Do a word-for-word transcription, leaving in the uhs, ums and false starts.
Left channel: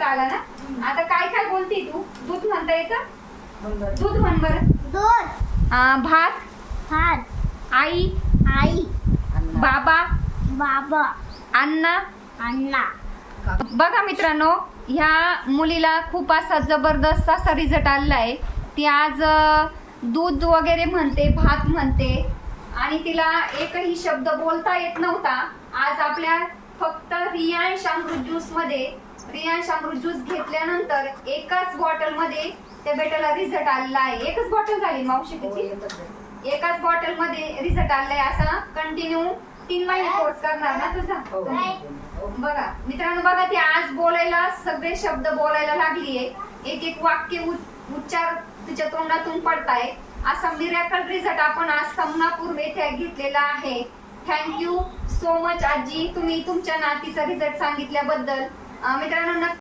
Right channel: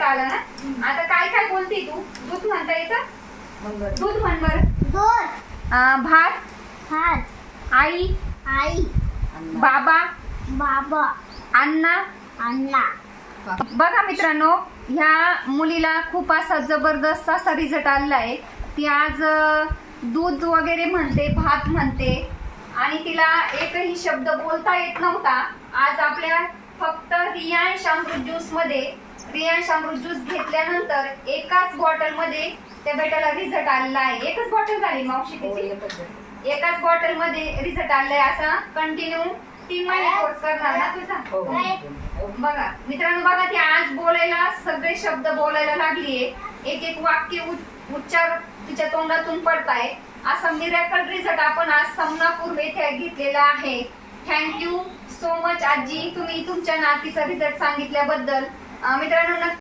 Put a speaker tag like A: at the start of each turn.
A: आला ना. आता काय काय बोलते तू? दूध म्हणता येतं? दूध म्हण बर.
B: दूध.
A: भात.
B: भात.
A: आई.
B: आई.
A: बाबा.
B: बाबा.
A: अण्णा.
B: अण्णा.
A: बघा मित्रांनो, ह्या मुलीला खूप असा जबरदस्त असा रिझल्ट आलेला आहे. ती आज दूध वगैरे म्हणते, भात म्हणते आणि तिला एकही शब्द बोलता येत नव्हता. आज आपल्या फक्त रियांश अमृत ज्यूस मध्ये रियांश अमृत ज्यूस घेतल्यानंतर एकाच बॉटल मध्ये त्या बेटाला रिझल्ट आलेला आहे. एकच बॉटल झाली मावशी तिची, एकाच बॉटल मध्ये रिझल्ट आलाय. असा कंटिन्यू तीन महिने कोर्स करणार ना तुझा. बघा मित्रांनो, बघा ती आज बोलायला सगळे शब्द बोलायला लागलीये. एक एक वाक्य उच्चार तिच्या तोंडातून पडताय. असा मिरॅकल रिझल्ट आपण आज समनापूर येथे घेतलेला आहे. थँक्यू सो मच आजी, तुम्ही तुमच्या नातीचा रिझल्ट सांगितल्याबद्दल. मित्रांनो